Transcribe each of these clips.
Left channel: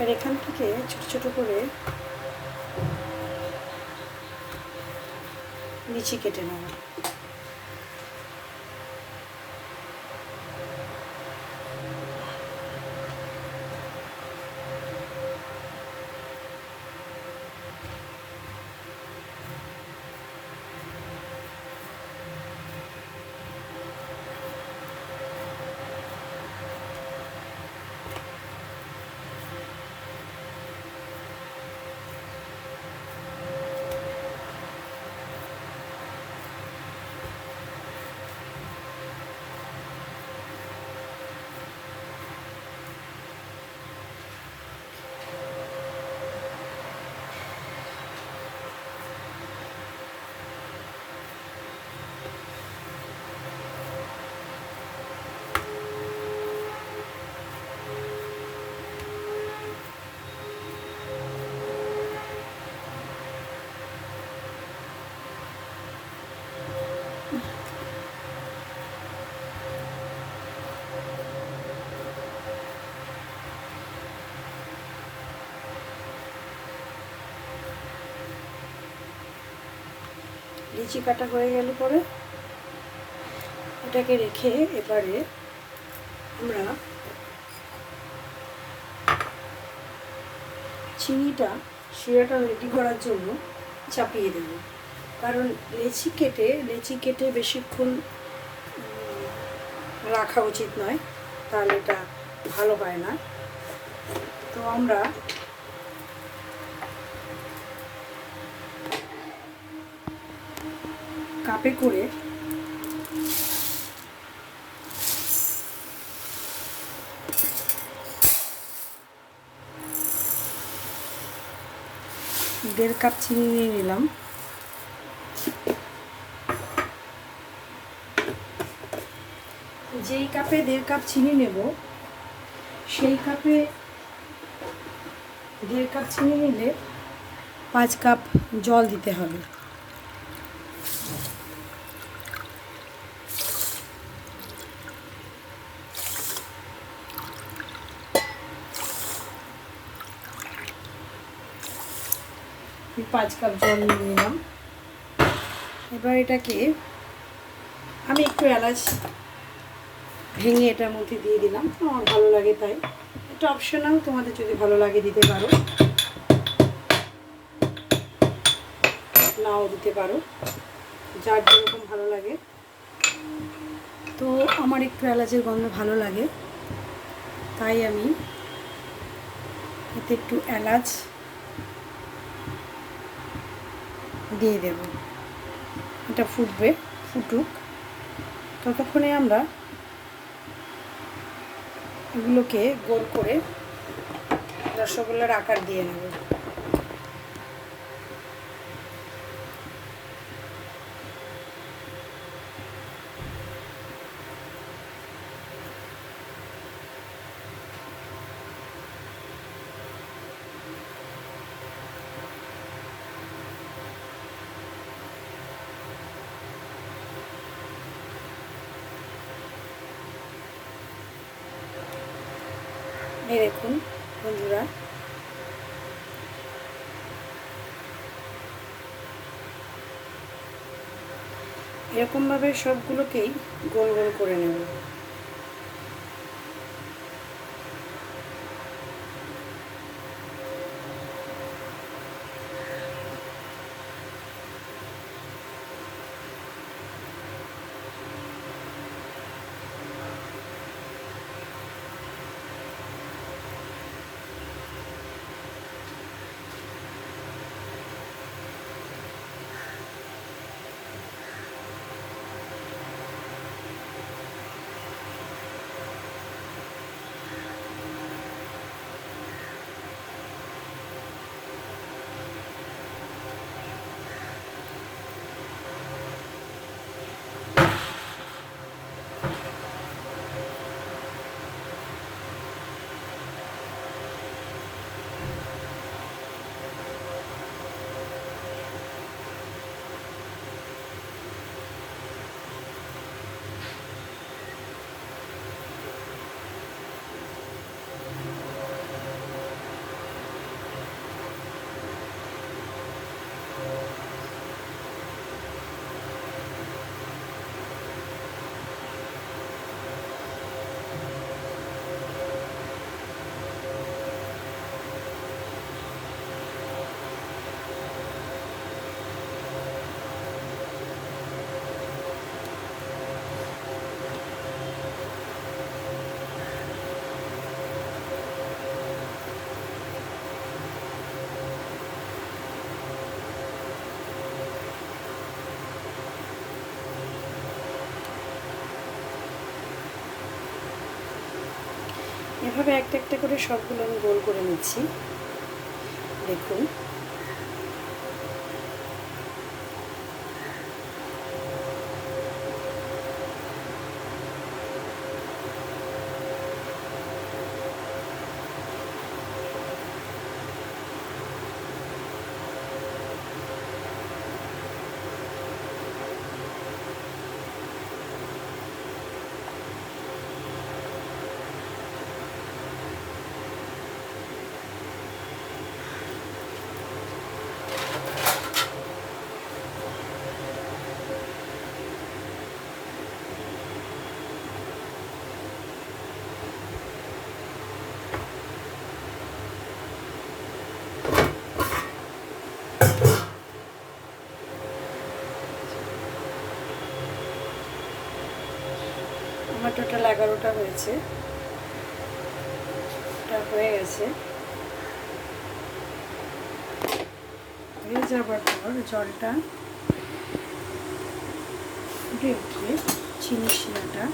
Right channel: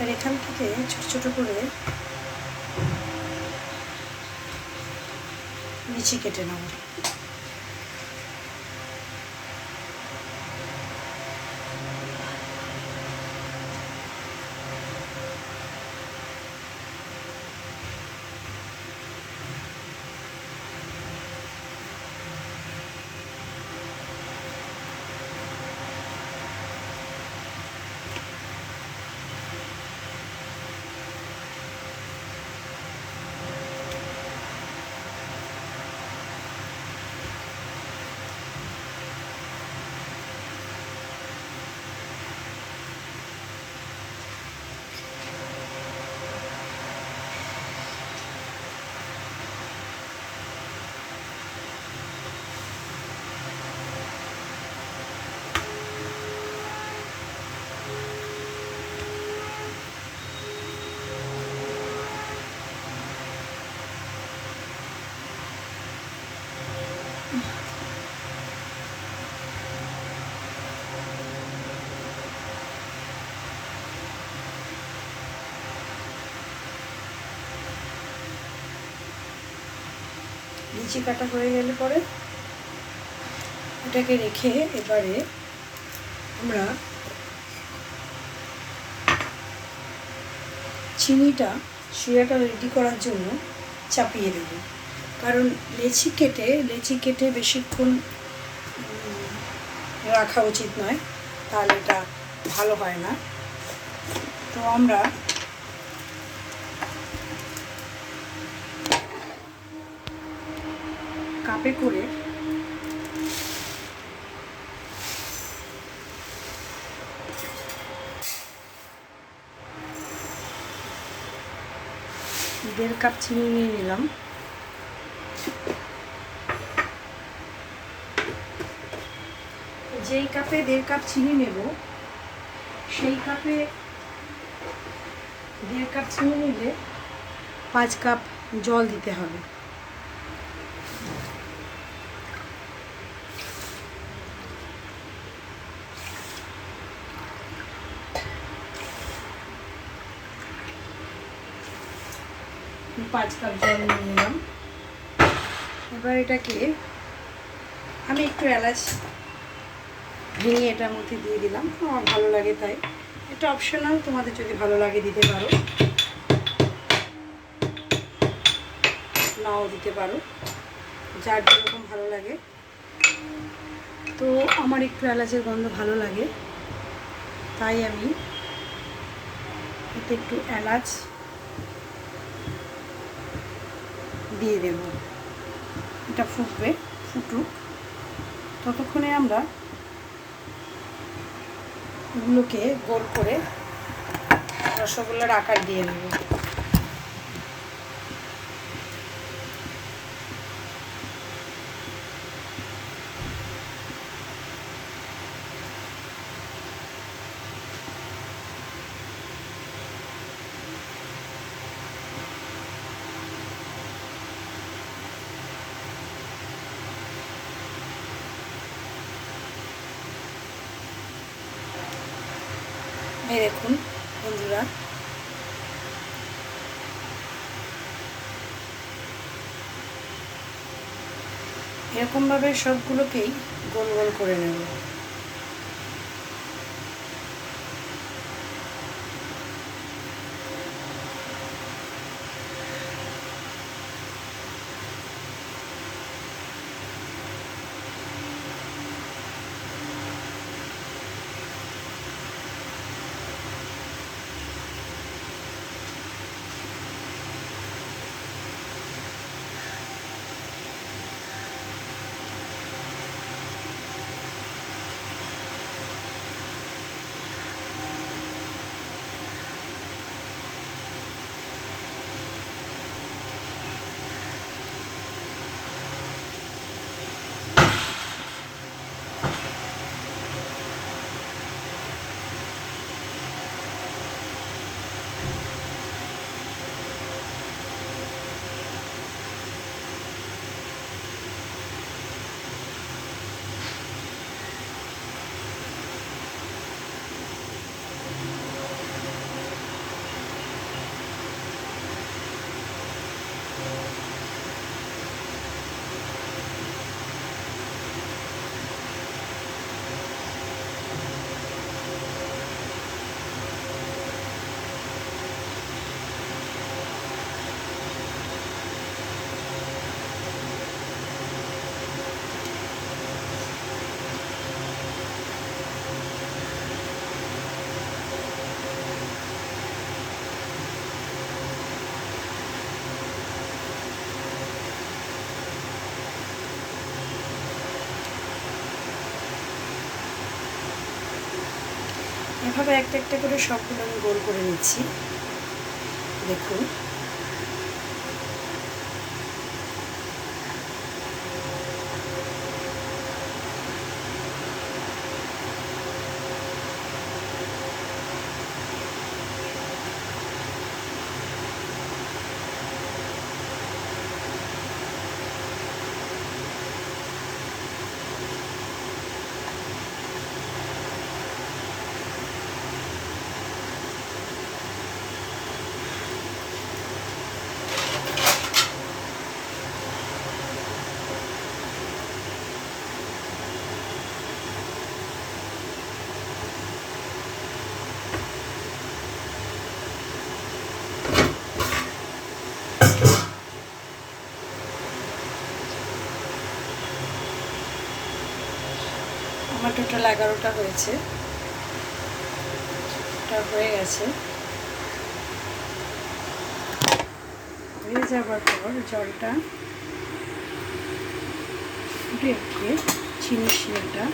আর এখান থেকে ছোট ছোট করে লিচি কেটে নেব। লিচি কাটা হয়ে গেলে পরে এটাকে রেখে এবারে আমরা শিরাটা রেডি করার জন্য চাপিয়ে দেব। কারণ লেচি কেটে বেশিক্ষণ রাখা উচিত নয়, তাহলে এটা ভালো হয় না। তো আমরা কাপে করে দেড় কাপ চিনি নিয়ে নিলাম। যেই কাপে 1.5 কাপ চিনি নেব, সেই কাপে 1.5 কাপ চিনি নিলে 5 কাপ জল দিতে হবে। পাঁচ কাপ জল নিয়ে নিলাম। এবার এটাকে আমি একটু এলাচ ভেঙে এটার মধ্যে দিয়ে দিলাম, আমার ভালো লাগে তাই। এটা অপশনাল, তোমাদের যদি ভালো লাগে দিতে পারো, নাও দিতে পারো, যার যেরকম ভালো লাগে। তো আমার একটু এলাচের গন্ধ ভালো লাগে, তাই আমি এতে একটু এলাচ দিয়ে দেব। এটা ফুটুক, ততক্ষণে আমরা এগুলোকে গোল করে রসগোল্লার আকার দিয়ে নেব। এই দেখুন বন্ধুরা, এরকমভাবে সবগুলোকেই গোল গোল করে নেব। এভাবে একটা একটা করে সবগুলো আমি গোল করে নিচ্ছি। দেখুন আমার টোটাল 11টা হয়েছে, এটা হয়ে গেছে। হয়ে যাবার পর জলটা ফুটে উঠে চিনির শিরাটা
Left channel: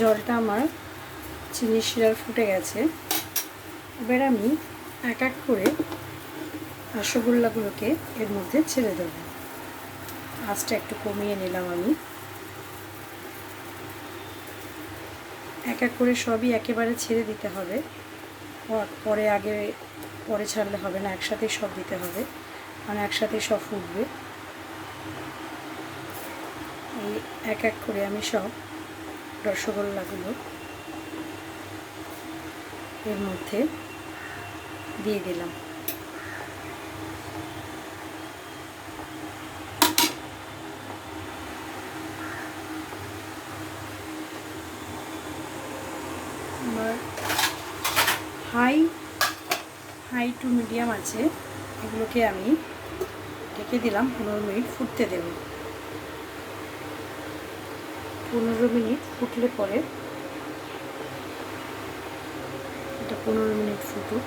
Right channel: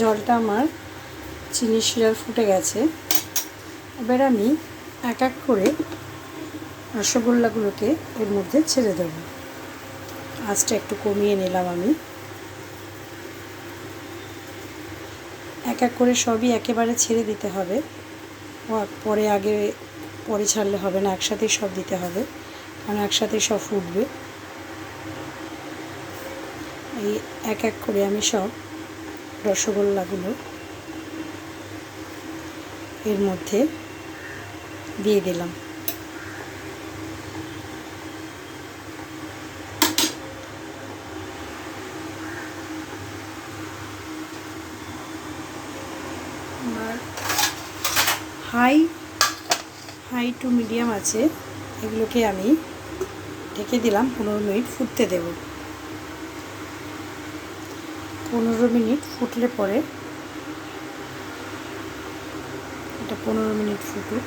জলটা আমার চিনি শিরার ফুটে গেছে। এবার আমি এক এক করে রসগোল্লাগুলোকে এর মধ্যে ছেড়ে দেব। আঁচটা একটু কমিয়ে নিলাম আমি। এক এক করে সবই একেবারে ছেড়ে দিতে হবে, পরে ছাড়লে হবে না, একসাথেই সব দিতে হবে, মানে একসাথেই সব ফুটবে। এই এক এক করে আমি সব রসগোল্লাগুলো এর মধ্যে দিয়ে দিলাম। হাই টু মিডিয়াম আছে, এগুলোকে আমি ঢেকে দিলাম। 15 মিনিট ফুটতে দেব। 15 মিনিট ফুটলে পরে এটা 15 মিনিট ফুটুক।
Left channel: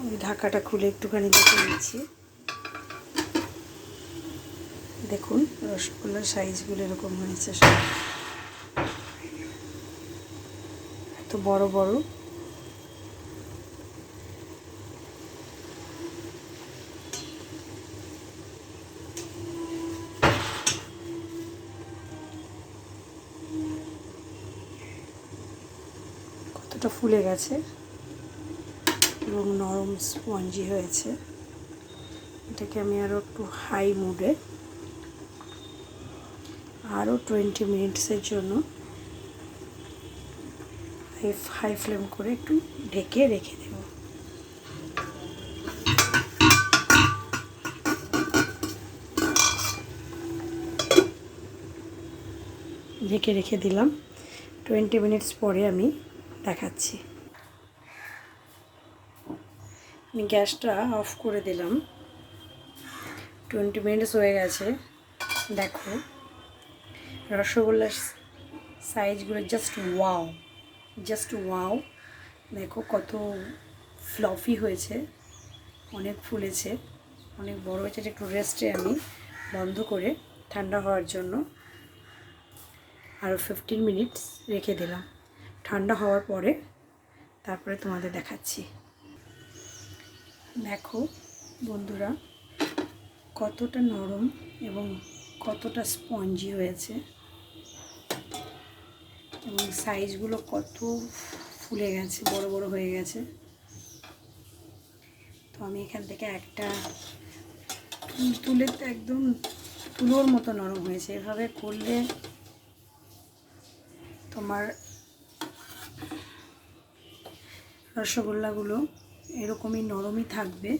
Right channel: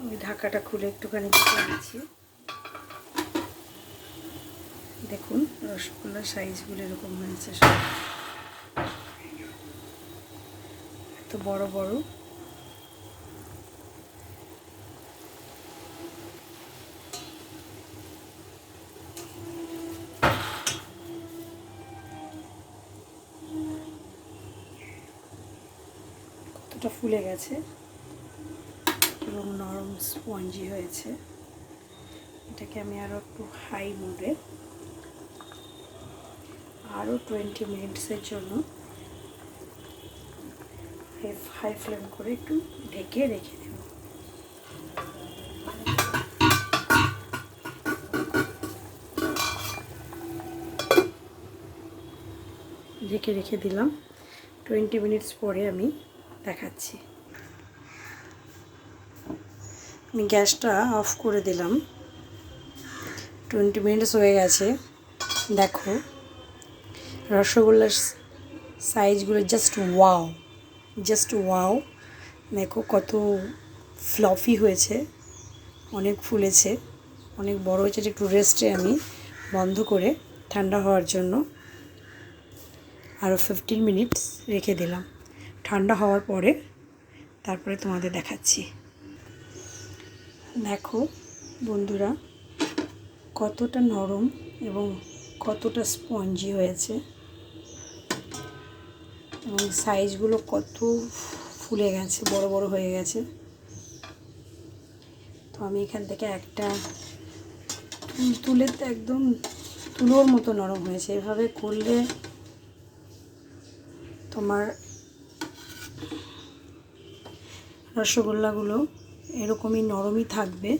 আমি ঢাকাটা খুলে একটুখানি দেখে নিচ্ছি। দেখুন রসগোল্লার সাইজগুলো এরকম হয়েছে, সব এত বড় বড়। কতটা ফুলে গেছে এবং নরম স্পঞ্জি হয়েছে। এটাকে আমি আরও একটু হাই মুডে আরও 20 মিনিটসের জন্য হাই ফ্লেম করে একটু ঢেকে রেখে দেব। ঢেকে রেখে দিলাম। 20 মিনিটস পরে আমি দেখাচ্ছি। আমি গ্যাসটা অফ করে দিলাম। 20 মিনিটস হয়ে গেছে। দেখো রসগোল্লার সাইজগুলো জাস্ট ওয়াও। দেখো কত ফ্লফি হয়েছে, অনেক ফুলেছে, অনেক বড় হয়েছে। একটু রেস্টে আমি বন্ধ করে ঠান্ডা হওয়ার জন্য আরও 15 মিনিটস রেখে দিলাম। ঠান্ডা হওয়ার পরে তারপরে তোমাদের দেখাচ্ছি। দেখো বন্ধুরা কতটা নরম এবং কতটা স্পঞ্জি হয়েছে এবং সাইজগুলো কত ফুলে গেছে, বড় বড় হয়ে গেছে। তো আমি এখান থেকে একটা তুলে একদম তুলোর মতো নরম হয়েছে। এভাবে করলে তোমার রসগোল্লাগুলো এরকমই নরমই থাকবে,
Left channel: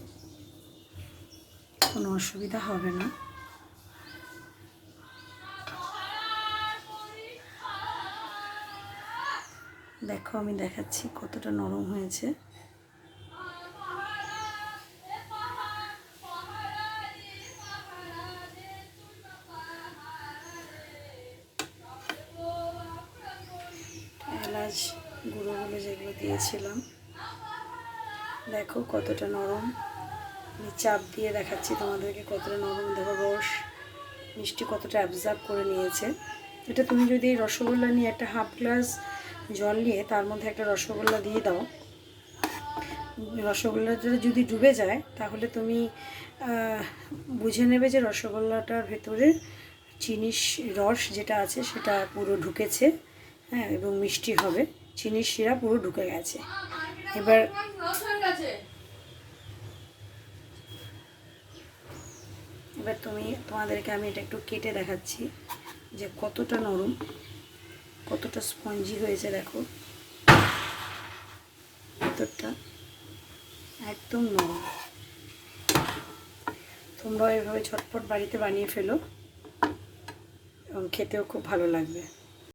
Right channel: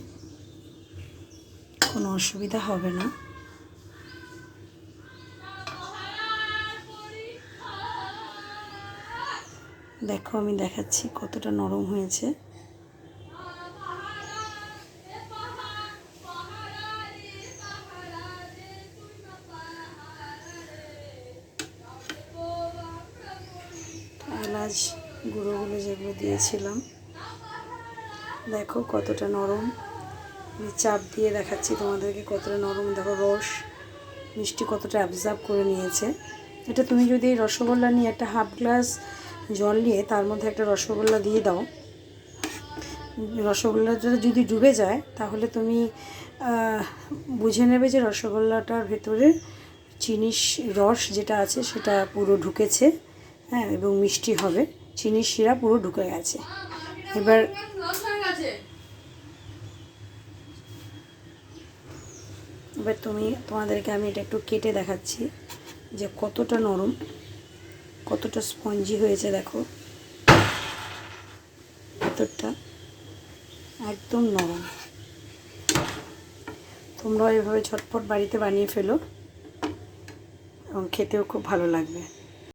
কোনো অসুবিধা হবে না। দেখো আমি দেখাচ্ছি কতটা নরম হয়েছে। এলাচ গুঁড়োগুলো যেগুলো দিয়েছিলাম, দেখো কতটা নরম। আমি চাপ দিয়ে দেখাচ্ছি তোমাদেরকে কতটা নরম। দেখো রস মিষ্টি কতটা অ্যাবজর্ব করে নিয়েছে। এটা তুমি যদি রসগোল্লা নিয়ে একটা হাফ গ্লাস জল নিয়ে তার মধ্যে একটা রসগোল্লা দিয়ে দাও, রসগোল্লাটা যদি ডুবে যায় তাহলে তুমি বুঝে নেবে যে রসগোল্লাটার ভেতরে চিনির রস যেটা আছে সেটা পুরো ঢুকেছে, হ্যাঁ, এবং মিষ্টি হবে, চিনির শিরা পুরো ঢুকে গেছে। এবার তোমাদেরকে আমি এটা একটু কেটে দেখাচ্ছি যে কতটা নরম, কতটা স্পঞ্জি হয়েছে। দেখো ভেতরটা একদম নরম। তোমরাও এভাবে ঝটপট বাড়িতে বানিয়ে ফেলো এবং খেতেও খুব ভালো লাগবে।